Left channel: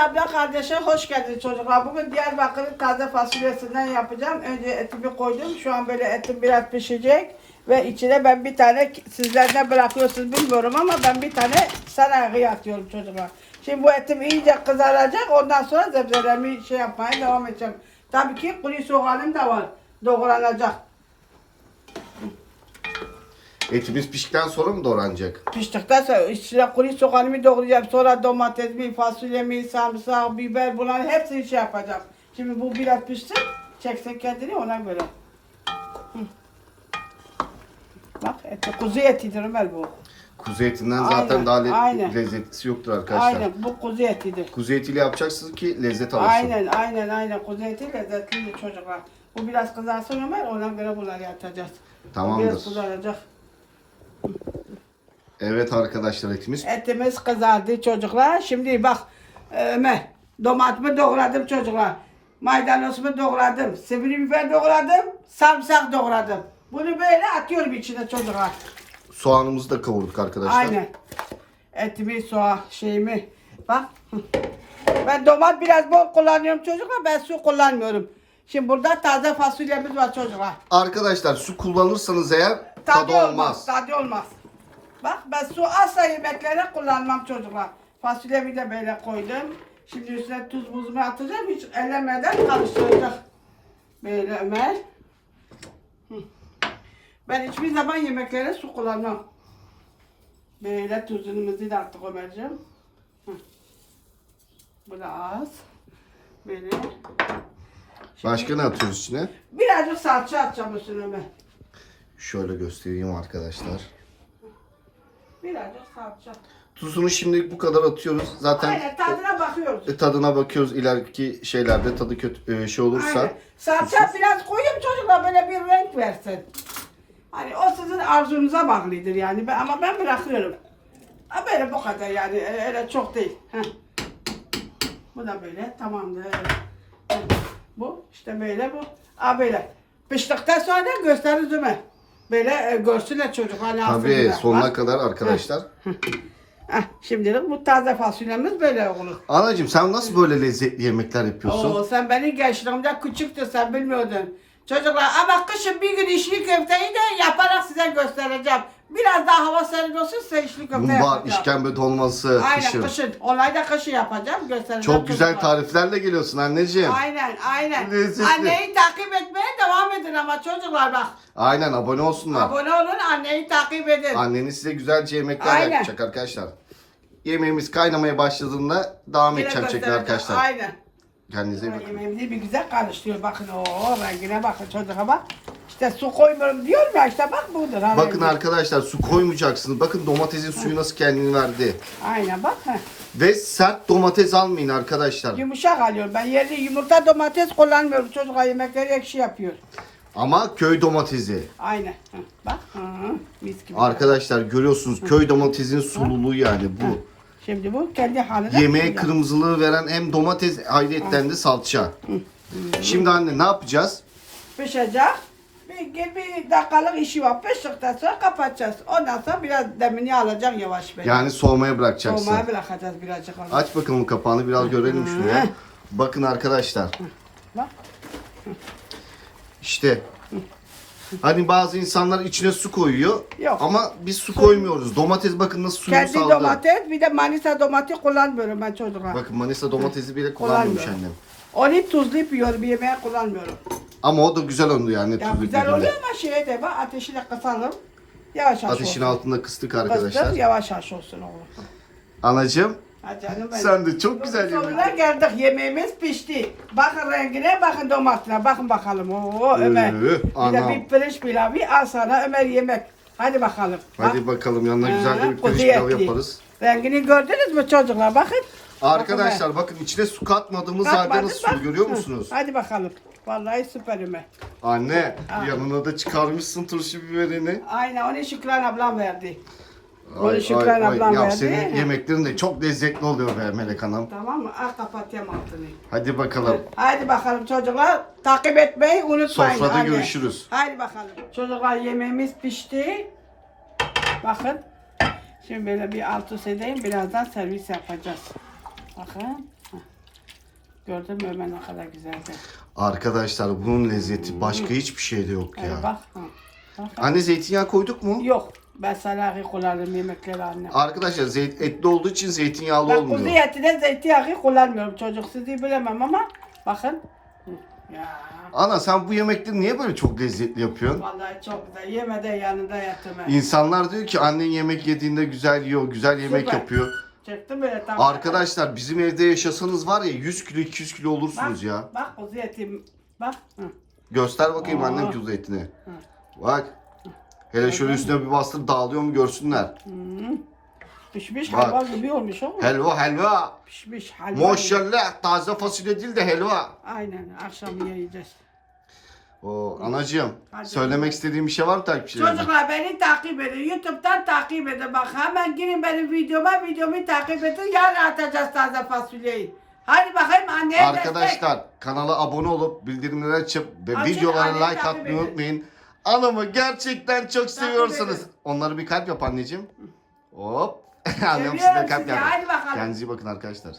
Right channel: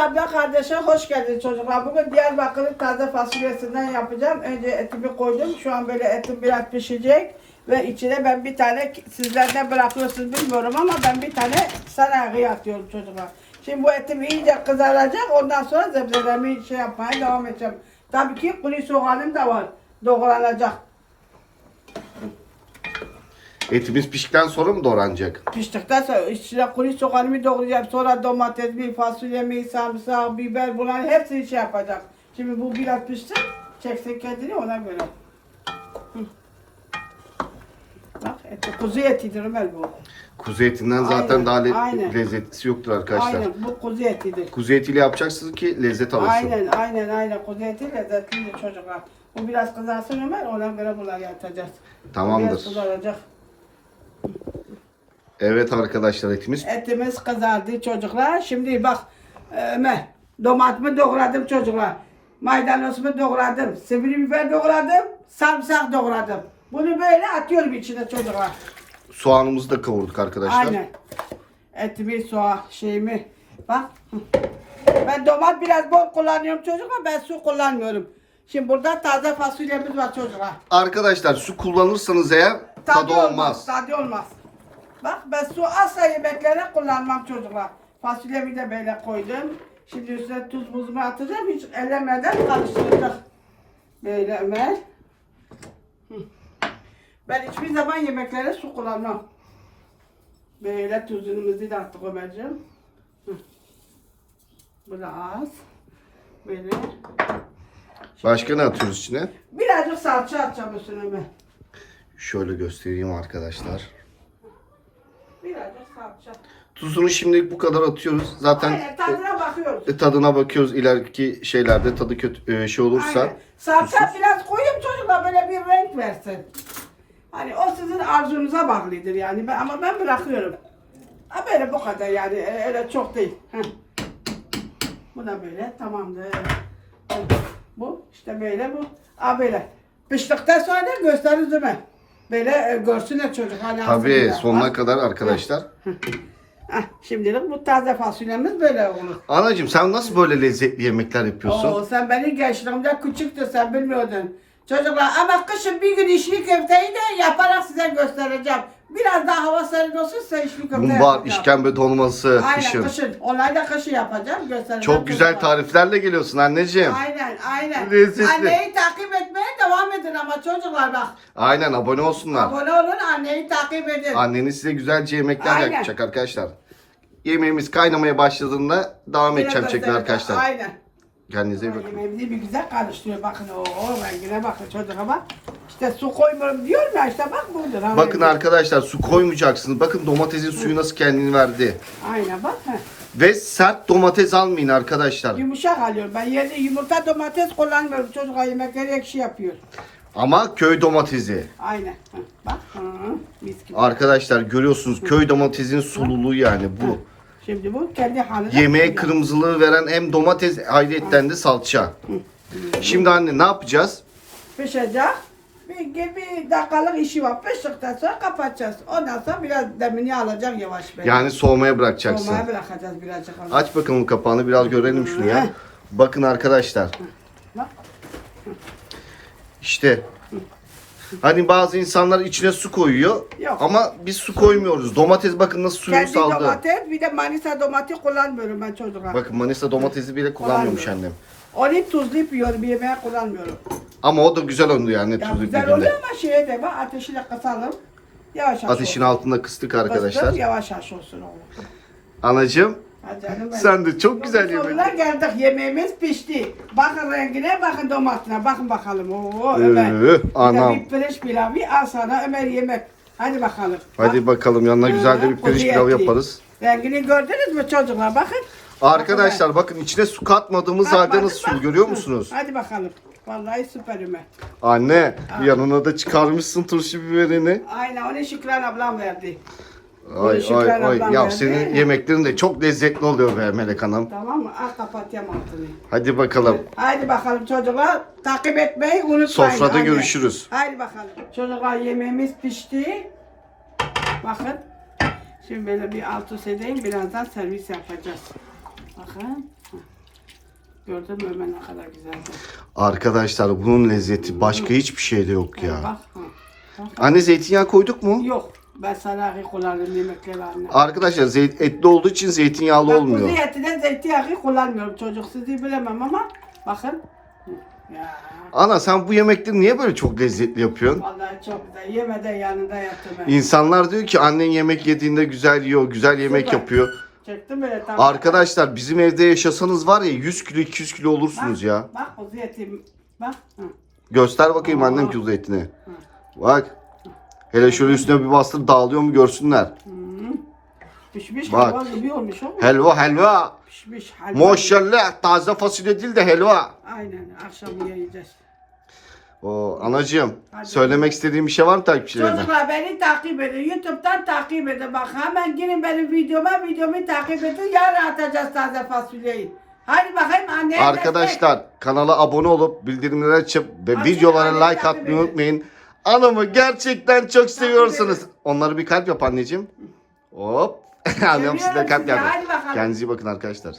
abla kardeşe hoş geldiniz çocuklar. Bugün Diyarbakır'ın taze fasulyesinden yapacağım. Önce etimi koydum. Şu an böyle etim biraz pişecek. Ve içine ben bir tane sizler bırakıyorsunuz bilmiyorum ama ben bir tane sarı atıyorum çocuklar. Şimdi bu etim iyice kızaracak. Ondan sonra zebzelerimi şey yapmaya devam edeceğim. Tabii ki kuru soğanım da var. Doğranacak. Etimiz piştikten sonra mı doğranacak? Piştikten sonra içine kuru soğanımı doğrayacağım. Sonra domatesimi, fasulyemi, sarımsak, biber bunların hepsini şey yapacağım. Şimdi bu biraz pişsin. Çeksin kendini ona göre. Hı. Bak eti, kuzu etidir Ömer bu. Kuzu etinden zaten Aynen, daha le- aynen. lezzetlisi yoktur arkadaşlar. Aynen bu kuzu etidir. Kuzu etiyle yapacaksınız ki lezzet alırsın. Aynen aynen aynen kuzu eti lezzetlidir çocuklar. Bu biraz kızarsın Ömer ona göre bunları yapacağız. Bu Tamamdır. Biraz kızaracak. Evet arkadaşlar etimiz. Etimiz kızardı çocuklar. Şimdi bak e, Ömer domatımı doğradım çocuklar. Maydanozumu doğradım. Sivri biber doğradım. Sarımsak doğradım. Bunu böyle atıyorum içine çocuklar. Soğanımızı da kavurduk arkadaşlar. Aynen. Etimi, soğan, şeyimi. Bak. Ben domat biraz bol kullanıyorum çocuklar. Ben su kullanmıyorum. Şimdi burada taze fasulyemiz var çocuklar. Arkadaşlar su kullanırsanız eğer tadı, olmaz. Tadı olmaz. Bak ben su asla yemeklere kullanmam çocuklar. Fasulyemi de böyle koydum. Şimdi üstüne tuz buzumu atacağım. Hiç ellemeden karıştıracak. Böyle Ömer. Ben hiçbir zaman yemeklere su kullanmam. Böyle tuzumuzu da attık Ömerciğim. Hı. Bu da az. Böyle. Başka ne atıyoruz içine? Birazcık salça atacağım üstüne Ömer. Şöyle göstereyim arkadaşlar. Birazcık salça. Tuzunu şimdi bu kadar atıyoruz. Zaten Aynen tadına bakıyoruz. e, tadına bakıyoruz ileriki şeylerde tadı kötü e, şey olursa. Aynen. Salça biraz koyayım çocuklar böyle bir renk versin. Hani o sizin arzunuza bağlıdır yani ben, ama ben bırakıyorum. Ha böyle bu kadar yani e, öyle çok değil. Heh. Bu da böyle tamamdır. Heh. Bu işte böyle bu. Ha böyle. Piştikten sonra gösteririz mi? Böyle e, görsünler çocuklar. ne Tabii yapsınlar. sonuna Bak. kadar arkadaşlar. Heh, şimdilik bu taze fasulyemiz böyle olur. Anacığım sen nasıl böyle lezzetli yemekler yapıyorsun? Oo, sen beni gençliğimde küçüktün sen bilmiyordun. Çocuklar ama kışın bir gün içli köfteyi de yaparak size göstereceğim. Biraz daha hava serin olsun size içli köfte Mumbar, yapacağım. işkembe dolması, Aynen kışın. kışın. Olay da kışın yapacağım göstereceğim. Çok güzel çocuklar. tariflerle geliyorsun anneciğim. Aynen aynen. Lezzetli. Anneyi takip etmeye devam edin ama çocuklar bak. Aynen abone olsunlar. Abone olun anneyi takip edin. Anneniz size güzelce yemekler Aynen. yapacak arkadaşlar. Yemeğimiz kaynamaya başladığında devam Yine edeceğim göstereceğim. arkadaşlar. Aynen. Kendinize iyi bakın. Yemeğimizi bir güzel karıştırıyor. Bakın o rengine bakın çocuğa bak. İşte su koymuyorum diyorum ya işte bak budur. ha, Bakın rengi. arkadaşlar su koymayacaksınız. Bakın domatesin suyu nasıl kendini verdi. Aynen bak. Ve sert domates almayın arkadaşlar. Yumuşak alıyorum. Ben yerde yumurta domates kullanmıyorum. Çocuklar yemekleri ekşi yapıyor. Ama köy domatesi. Aynen. Bak. Hı, mis gibi. Arkadaşlar görüyorsunuz köy domatesin sululuğu yani bu. Şimdi bu kendi haline. Yemeğe kırmızılığı veren hem domates ayrıyetten de salça. Şimdi anne ne yapacağız? Pişecek. Bir, bir dakikalık işi var. Piştikten sonra kapatacağız. Ondan sonra biraz demini alacağım yavaş böyle. Yani soğumaya bırakacaksın. Soğumaya bırakacağız birazcık onu. Aç bakalım kapağını biraz görelim şunu ya. Bakın arkadaşlar. Bak. İşte. Hani bazı insanlar içine su koyuyor. Yok. Ama biz su koymuyoruz. Domates bakın nasıl suyunu Kendi saldı. domates bir de Manisa domates kullanmıyorum ben çocuklar. Bakın Manisa domatesi bile kullanmıyormuş Kullanmıyorum. annem. Onu hep tuzlayıp yiyorum. Yemeğe kullanmıyorum. Ama o da güzel oldu yani Ya tuzlu güzel biberle. oluyor ama şeye de bak ateşiyle kısalım. Yavaş yavaş Ateşin olsun. altında kıstık Kıstır, arkadaşlar. yavaş yavaş olsun oğlum. Anacığım Ha canım benim. sen de çok güzel yemek. geldik yemeğimiz pişti. Bakın rengine bakın domatesine bakın bakalım. Oo Ömer. Ee, Bir de anam. bir pirinç pilavı al sana Ömer yemek. Hadi bakalım. Hadi bakalım yanına güzel de bir pirinç kuzu pilavı yaparız. Rengini gördünüz mü çocuklar bakın. Arkadaşlar bakın içine su katmadığımız halde Katmadık nasıl bak. sulu görüyor musunuz? Hadi bakalım. Vallahi süper Ömer. Anne yanına da çıkarmışsın turşu biberini. Aynen onu Şükran ablam verdi. Ay Şükran ay ay ablam ya verdi. senin yemeklerin de çok lezzetli oluyor be Melek Hanım. Tamam mı? Al kapatayım altını. Hadi bakalım. Haydi bakalım çocuklar. Takip etmeyi unutmayın. Sofrada Hadi. görüşürüz. Haydi bakalım. Çocuklar yemeğimiz pişti. Bakın. Şimdi böyle bir alt üst edeyim. Birazdan servis yapacağız. Bakın. Gördün mü Ömer ne kadar güzeldi. Arkadaşlar bunun lezzeti başka hiçbir şeyde yok ya. bak. ha. Bak. Anne zeytinyağı koyduk mu? Yok. Ben salahı kullanırım yemekleri anne. Arkadaşlar zeyt, etli olduğu için zeytinyağlı Ben olmuyor. kuzu etine zeytinyağı kullanmıyorum çocuk. Sizi bilemem ama bakın. Hı, Ya. Ana sen bu yemekleri niye böyle çok lezzetli yapıyorsun? Vallahi çok güzel. Yemeden yanında ben. İnsanlar diyor ki annen yemek yediğinde güzel yiyor, güzel yemek Süper. yapıyor. Çektim böyle tam. Arkadaşlar bizim evde yaşasanız var ya 100 kilo 200 kilo olursunuz ya. Bak kuzu etim. Bak. Hı. Göster bakayım Aa. annem kuzu etini. Bak. Hele şöyle üstüne bir bastır dağılıyor mu görsünler. Pişmiş Bak. hayvan gibi olmuş o. Helva helva. Pişmiş gibi. Maşallah taze fasulye değil de helva. Aynen akşam yiyeceğiz. O anacığım Hadi. söylemek istediğim bir şey var mı takipçilerine? Çocuklar beni takip edin. Youtube'dan takip edin. Bak hemen girin benim videoma. Videomu takip edin. Yarın atacağız taze fasulyeyi. Hadi bakayım anneye Arkadaşlar kanala abone olup bildirimleri açıp ve videolara like atmayı edin. unutmayın. Anamı gerçekten çok seviyorsanız edin. onları bir kalp yap anneciğim. Hop. Annem Seviyorum size kalp sizi. yaptı. Hadi bakalım. Kendinize iyi bakın arkadaşlar.